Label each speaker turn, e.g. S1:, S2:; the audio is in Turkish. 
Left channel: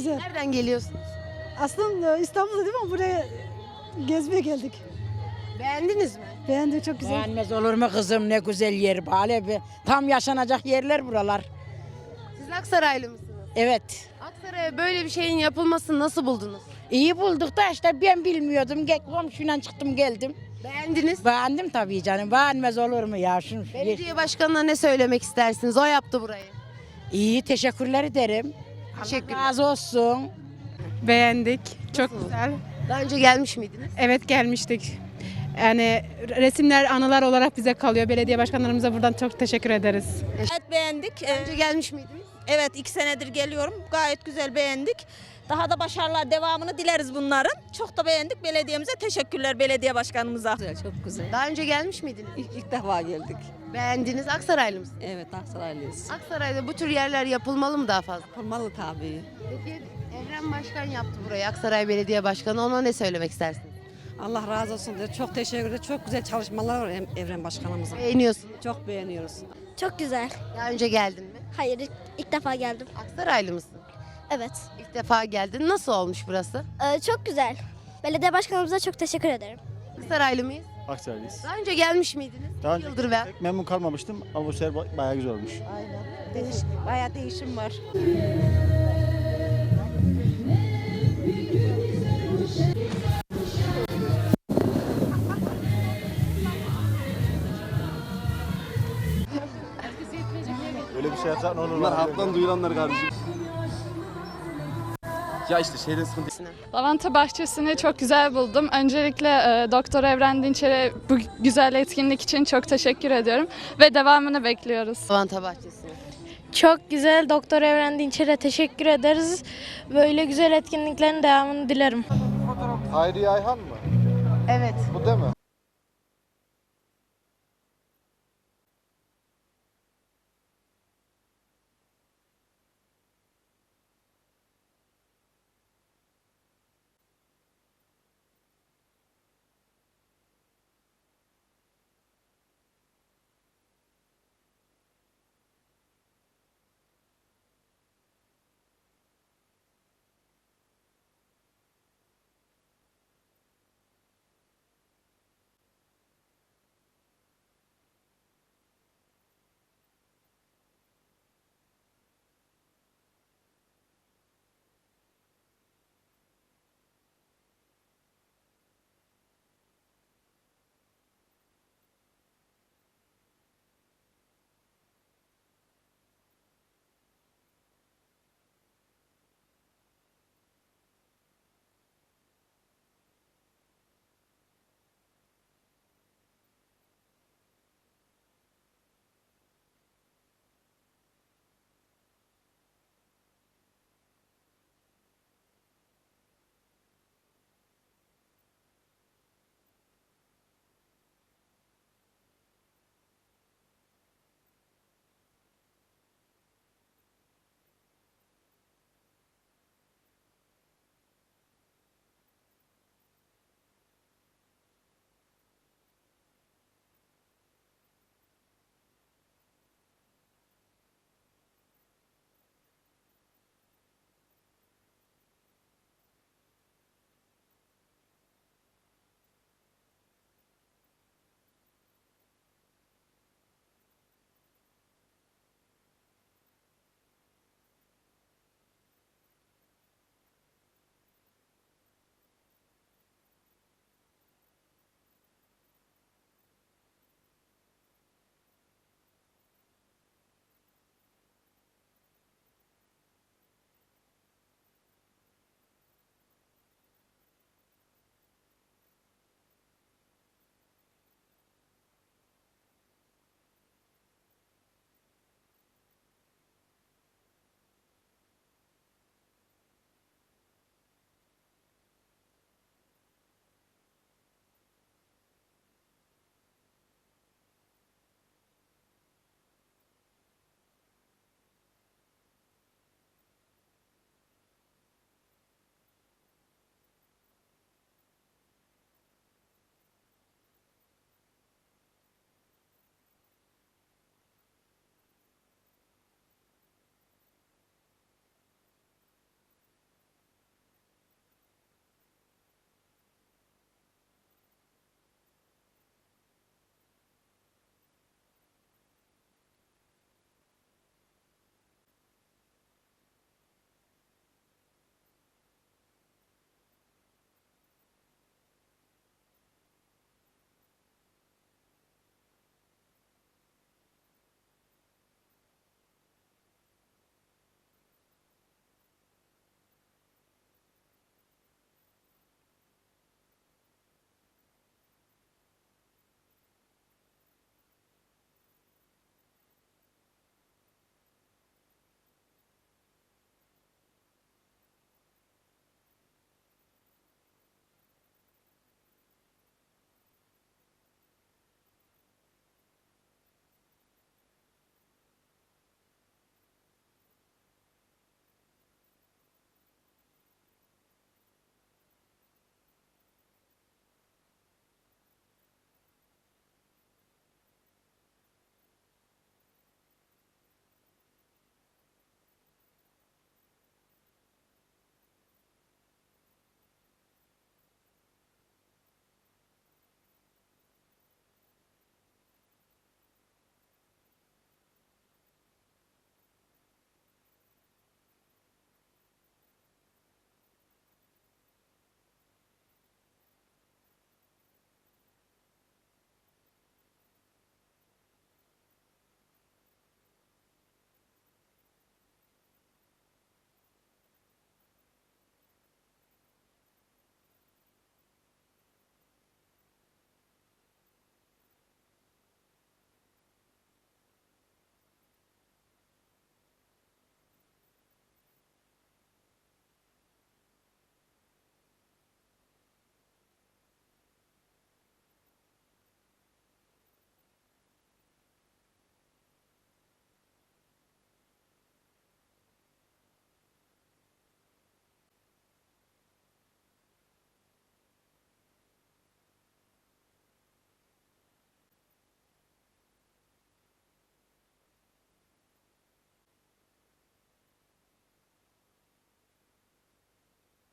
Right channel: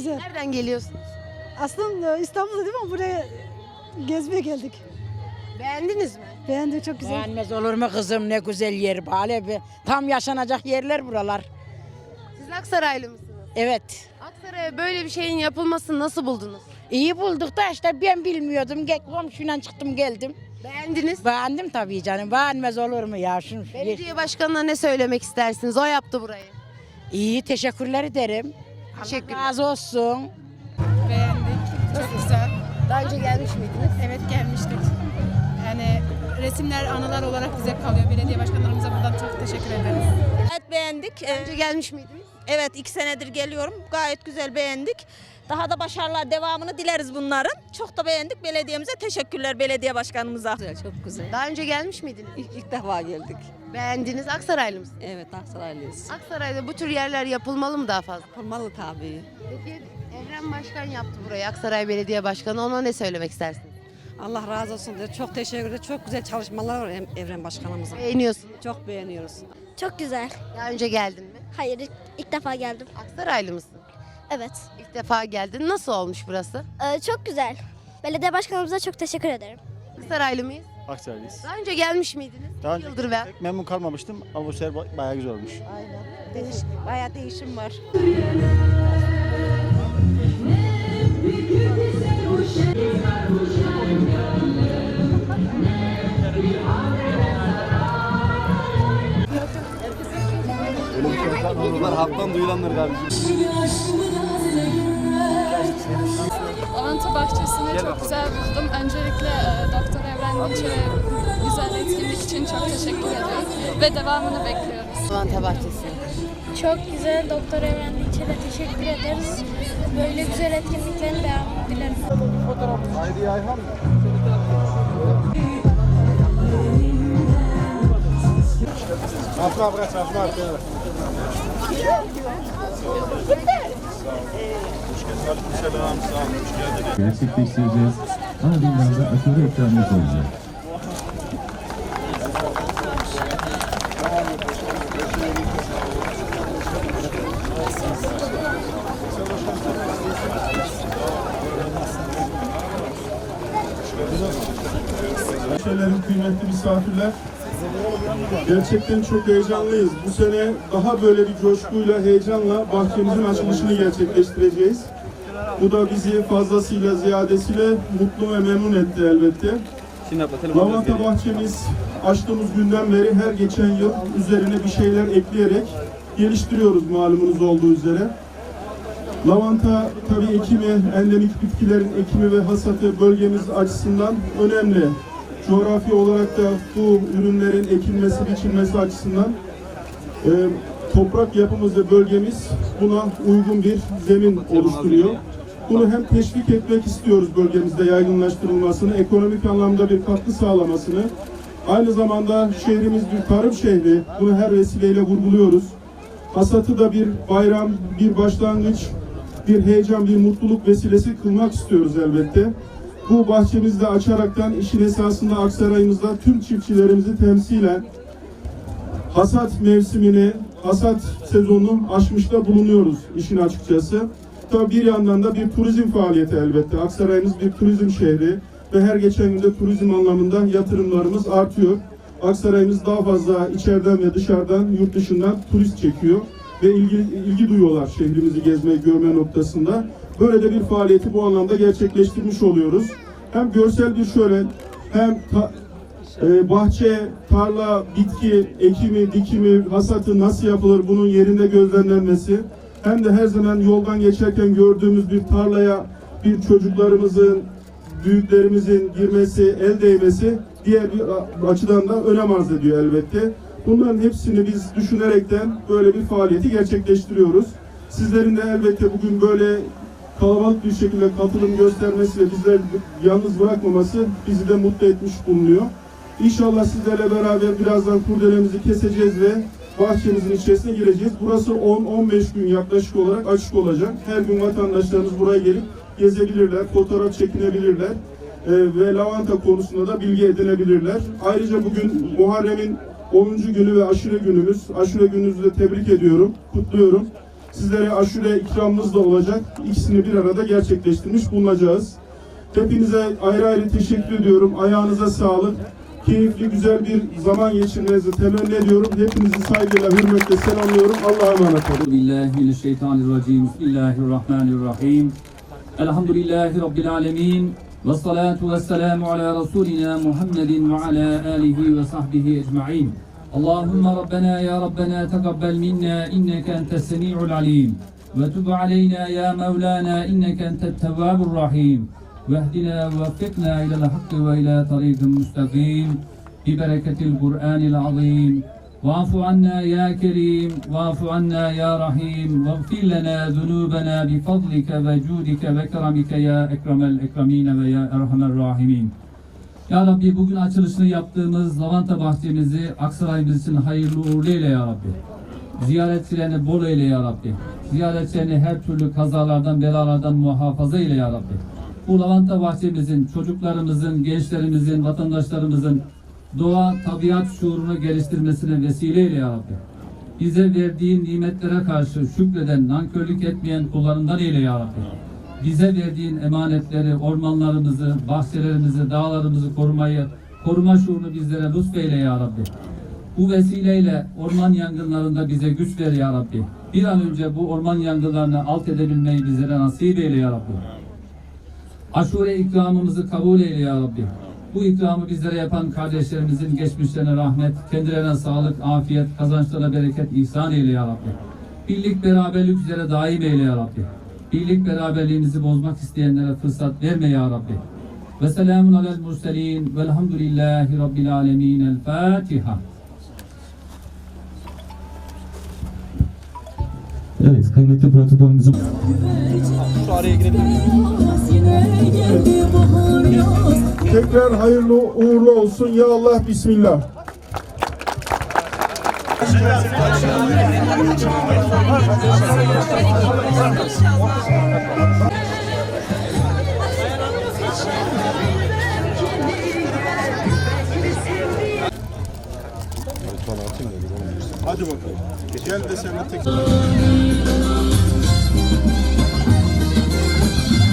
S1: güzel.
S2: Nereden geliyorsunuz?
S1: Aslında İstanbul'da değil mi? Buraya gezmeye geldik.
S2: Beğendiniz mi?
S1: Beğendik çok güzel.
S3: Beğenmez olur mu kızım ne güzel yer bale bir. Tam yaşanacak yerler buralar.
S2: Siz Aksaraylı mısınız?
S3: Evet.
S2: Aksaray'a böyle bir şeyin yapılmasını nasıl buldunuz?
S3: İyi bulduk da işte ben bilmiyordum. Gel komşuyla çıktım geldim.
S2: Beğendiniz.
S3: Beğendim tabii canım. Beğenmez olur mu ya? Şunu,
S2: Belediye başkanına ne söylemek istersiniz? O yaptı burayı.
S3: İyi teşekkürler ederim.
S2: Teşekkürler.
S3: Allah razı olsun.
S4: Beğendik. Çok güzel.
S2: Daha önce gelmiş miydiniz?
S4: Evet gelmiştik. Yani resimler anılar olarak bize kalıyor. Belediye başkanlarımıza buradan çok teşekkür ederiz.
S5: Evet beğendik.
S2: Daha
S5: Ee,
S2: önce gelmiş miydiniz?
S5: Evet iki senedir geliyorum. Gayet güzel beğendik. Daha da başarılar devamını dileriz bunların. Çok da beğendik. Belediyemize teşekkürler belediye başkanımıza.
S6: Güzel, çok güzel.
S2: Daha önce gelmiş miydiniz?
S6: İlk, ilk defa geldik.
S2: Beğendiniz. Aksaraylı mısınız?
S6: Evet, Aksaraylıyız.
S2: Aksaray'da bu tür yerler yapılmalı mı daha fazla?
S6: Yapılmalı tabii.
S2: Peki Evren Başkan yaptı burayı. Aksaray Belediye Başkanı. Ona ne söylemek istersiniz?
S6: Allah razı olsun. diyor. Çok teşekkür ederim. Çok güzel çalışmalar var Evren Başkanımızın.
S2: Beğeniyorsunuz.
S6: Çok beğeniyoruz.
S7: Çok güzel.
S2: Daha önce geldin mi?
S7: Hayır ilk, ilk defa geldim.
S2: Aksaraylı mısın?
S7: Evet.
S2: İlk defa geldin. Nasıl olmuş burası?
S7: Ee, çok güzel. Belediye başkanımıza çok teşekkür ederim.
S2: Aksaraylı mıyız?
S8: Aksaraylıyız.
S2: Daha önce gelmiş miydiniz?
S8: Daha önce
S2: yıldır ben.
S8: pek memnun kalmamıştım ama bu sefer ba- bayağı güzel olmuş.
S5: Bayağı değişim var.
S8: Öyle bir şey olsa halktan duyulanlar kardeşim. Ya işte şeyde
S9: Lavanta bahçesini çok güzel buldum. Öncelikle e, Doktor Evren Dinçer'e bu güzel etkinlik için çok teşekkür ediyorum ve devamını bekliyoruz.
S2: Lavanta Bahçesi.
S7: Çok güzel. Doktor Evren Dinçer'e teşekkür ederiz. Böyle güzel etkinliklerin devamını dilerim.
S8: Hayri Ayhan mı?
S2: Evet.
S8: Değil mi? Asma bırak, arkaya.
S10: Gerçekleştireceğiz. Ardından da aşırı ekranımız olacak.
S11: Şeylerin kıymetli misafirler. Gerçekten çok heyecanlıyız. Bu sene daha böyle bir coşkuyla, heyecanla bahçemizin açılışını gerçekleştireceğiz. Bu da bizi fazlasıyla, ziyadesiyle mutlu ve memnun etti elbette. Lavanta bahçemiz açtığımız günden beri her geçen yıl üzerine bir şeyler ekleyerek geliştiriyoruz malumunuz olduğu üzere. Lavanta tabii ekimi, endemik bitkilerin ekimi ve hasatı bölgemiz açısından önemli. Coğrafi olarak da bu ürünlerin ekilmesi, biçilmesi açısından e, toprak yapımız ve bölgemiz buna uygun bir zemin oluşturuyor. Bunu hem teşvik etmek istiyoruz bölgemizde yaygınlaştırılmasını, ekonomik anlamda bir katkı sağlamasını. Aynı zamanda şehrimiz bir tarım şehri. Bunu her vesileyle vurguluyoruz. Hasatı da bir bayram, bir başlangıç, bir heyecan, bir mutluluk vesilesi kılmak istiyoruz elbette. Bu bahçemizde açaraktan işin esasında Aksaray'ımızda tüm çiftçilerimizi temsilen hasat mevsimini, hasat sezonunu aşmışta bulunuyoruz işin açıkçası. Tabii bir yandan da bir turizm faaliyeti elbette. Aksaray'ımız bir turizm şehri ve her geçen günde turizm anlamında yatırımlarımız artıyor. Aksaray'ımız daha fazla içeriden ve dışarıdan, yurt dışından turist çekiyor ve ilgi, ilgi duyuyorlar şehrimizi gezme, görme noktasında. Böyle de bir faaliyeti bu anlamda gerçekleştirmiş oluyoruz. Hem görsel bir şölen, hem ta- ee, bahçe, tarla, bitki, ekimi, dikimi, hasatı nasıl yapılır bunun yerinde gözlemlenmesi hem de her zaman yoldan geçerken gördüğümüz bir tarlaya bir çocuklarımızın, büyüklerimizin girmesi, el değmesi diğer bir açıdan da önem arz ediyor elbette. Bunların hepsini biz düşünerekten böyle bir faaliyeti gerçekleştiriyoruz. Sizlerin de elbette bugün böyle kalabalık bir şekilde katılım göstermesi ve bizleri yalnız bırakmaması bizi de mutlu etmiş bulunuyor. İnşallah sizlerle beraber birazdan kurdelemizi keseceğiz ve bahçemizin içerisine gireceğiz. Burası 10-15 gün yaklaşık olarak açık olacak. Her gün vatandaşlarımız buraya gelip gezebilirler, fotoğraf çekinebilirler e, ve lavanta konusunda da bilgi edinebilirler. Ayrıca bugün Muharrem'in 10. günü ve aşure günümüz. Aşure gününüzü de tebrik ediyorum, kutluyorum. Sizlere aşure ikramımız da olacak. İkisini bir arada gerçekleştirmiş bulunacağız. Hepinize ayrı ayrı teşekkür ediyorum. Ayağınıza sağlık. Keyifli, güzel bir zaman geçirmenizi temenni ediyorum. Hepinizi saygıyla, hürmetle selamlıyorum. Allah'a emanet olun.
S10: Bismillahirrahmanirrahim. Elhamdülillahi rabbil alamin. والصلاة والسلام على رسولنا محمد وعلى آله وصحبه أجمعين. اللهم ربنا يا ربنا تقبل منا إنك أنت السميع العليم. وتب علينا يا مولانا إنك أنت التواب الرحيم. واهدنا ووفقنا إلى الحق وإلى طريق مستقيم. ببركة القرآن العظيم. ve ila tariqin müstakim. Bibereketil Kur'anil azim. واعف عنا يا كريم واعف عنا يا رحيم واغفر لنا ذنوبنا بفضلك وجودك وكرمك يا أكرم الأكرمين ويا أرحم الراحمين Ya Rabbi bugün açılışını yaptığımız lavanta bahçemizi Aksaray'ımız için hayırlı uğurlu eyle Ya Rabbi. Ziyaretçilerini bol eyle Ya Rabbi. Ziyaretçilerini her türlü kazalardan, belalardan muhafaza eyle Ya Rabbi. Bu lavanta bahçemizin, çocuklarımızın, gençlerimizin, vatandaşlarımızın doğa, tabiat şuurunu geliştirmesine vesile Ya Rabbi. Bize verdiğin nimetlere karşı şükreden, nankörlük etmeyen kullarından eyle Ya Rabbi. Bize verdiğin emanetleri, ormanlarımızı, bahçelerimizi, dağlarımızı korumayı, koruma şuurunu bizlere lütfeyle Ya Rabbi. Bu vesileyle orman yangınlarında bize güç ver Ya Rabbi. Bir an önce bu orman yangınlarını alt edebilmeyi bizlere nasip eyle Ya Rabbi. Aşure ikramımızı kabul eyle ya Rabbi. Bu ikramı bizlere yapan kardeşlerimizin geçmişlerine rahmet, kendilerine sağlık, afiyet, kazançlara bereket ihsan eyle ya Rabbi. Birlik beraberlik üzere daim eyle ya Rabbi. Birlik beraberliğimizi bozmak isteyenlere fırsat verme ya Rabbi. Ve selamun alel murselin velhamdülillahi rabbil alemin. El Fatiha.
S8: Evet, kıymetli protokolümüzün
S11: Tekrar hayırlı uğurlu olsun. Ya Allah, Bismillah. Hadi bakalım. Gel de sen de tek...